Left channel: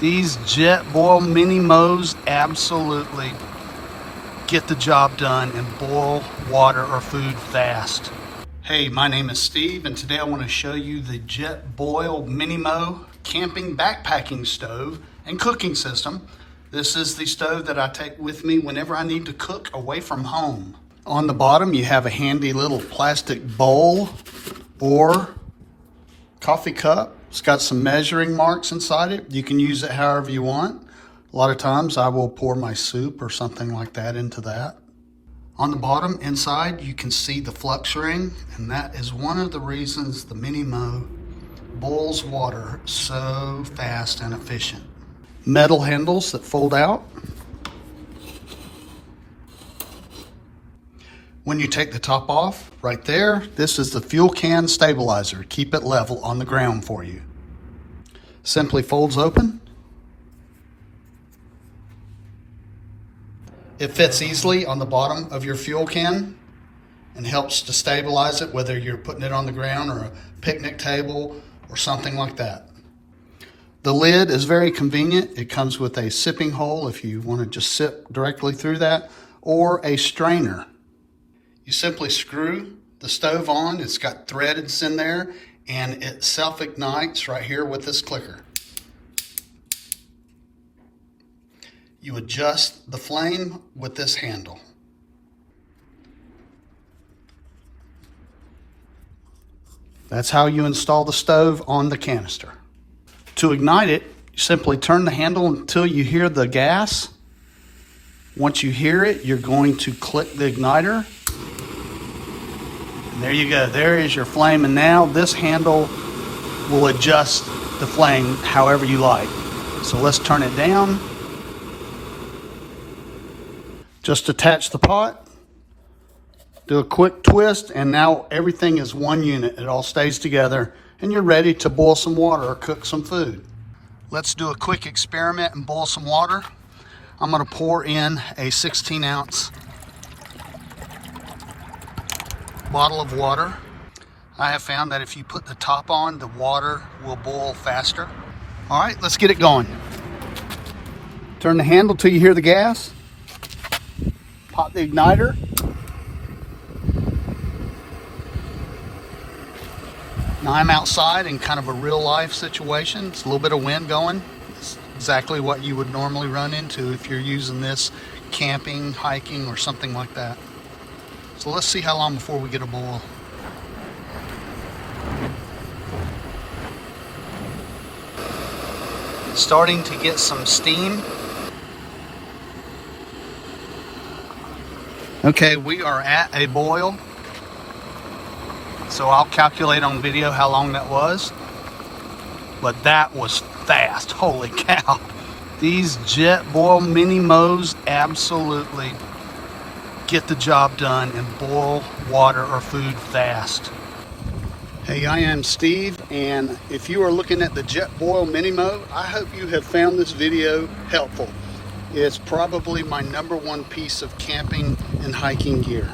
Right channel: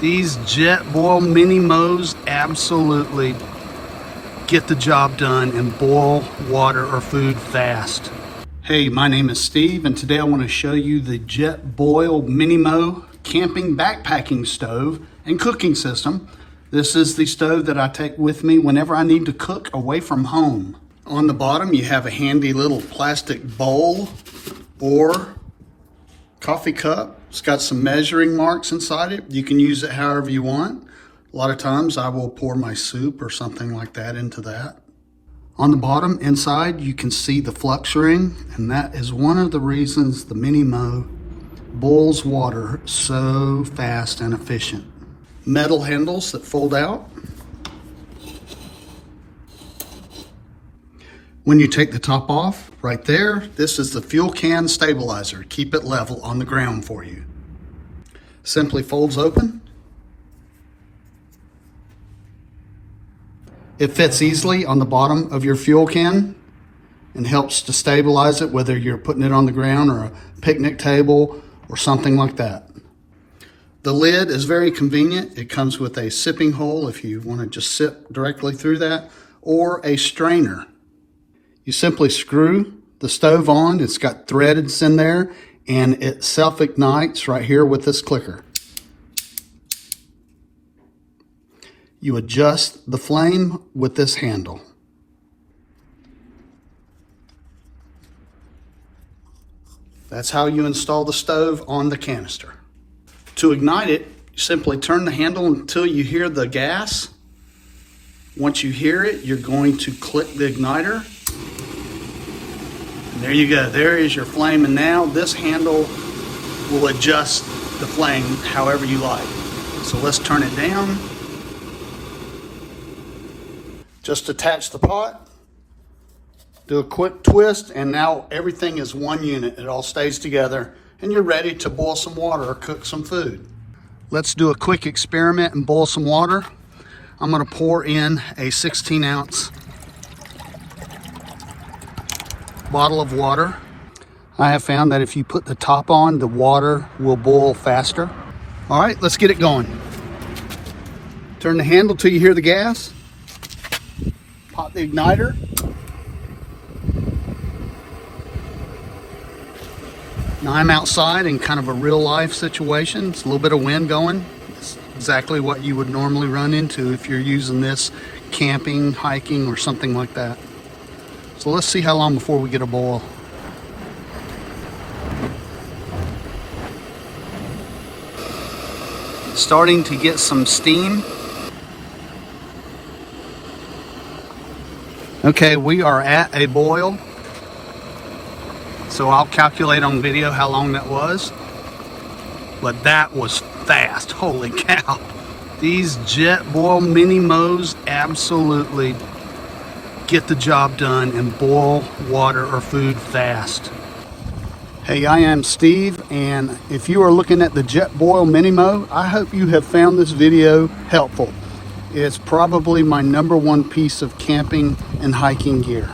These Jetboil MiniMos absolutely get the job done and boil water or food fast. Hey, my name is Steve, and today I want to show you the Jetboil MiniMo camping backpacking stove and cooking system. This is the stove that I take with me whenever I need to cook away from home. On the bottom, you have a handy little plastic bowl or coffee cup. It's got some measuring marks inside it. You can use it however you want. A lot of times I will pour my soup or something like that into that. On the bottom inside, you can see the Flux Ring, and that is one of the reasons the MiniMo boils water so fast and efficient. Metal handles that fold out. When you take the top off, right there, this is the fuel can stabilizer. Keep it level on the ground for you. Simply folds open. It fits easily on the bottom of your fuel can and helps to stabilize it, whether you're putting it on the ground or a picnic table or something like that. The lid is very convenient. It comes with a sipping hole if you want to just sip directly through that, or a strainer. You simply screw the stove on. It's got threads in there, and it self-ignites right here with this clicker. You adjust the flame with this handle. That's how you install the stove on the canister. To ignite it, simply turn the handle until you hear the gas. Once you hear it, you're going to click the igniter. And there you go, there is your flame, and now this handle will adjust the flame however you like. So let's turn it down. Just attach the pot, do a quick twist, and now everything is one unit. It all stays together, and you're ready to boil some water or cook some food. Let's do a quick experiment and boil some water. I'm gonna pour in a 16-ounce bottle of water. I have found that if you put the top on, the water will boil faster. All right, let's get it going. Turn the handle till you hear the gas. Pop the igniter. Now I'm outside in kind of a real life situation. It's a little bit of wind going. It's exactly what you would normally run into if you're using this camping, hiking, or something like that. So let's see how long before we get a boil. It's starting to get some steam. Okay, we are at a boil. So I'll calculate on video how long that was. But that was fast, holy cow. These Jetboil MiniMos absolutely get the job done and boil water or food fast. Hey, I am Steve, and if you are looking at the Jetboil MiniMo, I hope you have found this video helpful. It's probably my #1 piece of camping and hiking gear.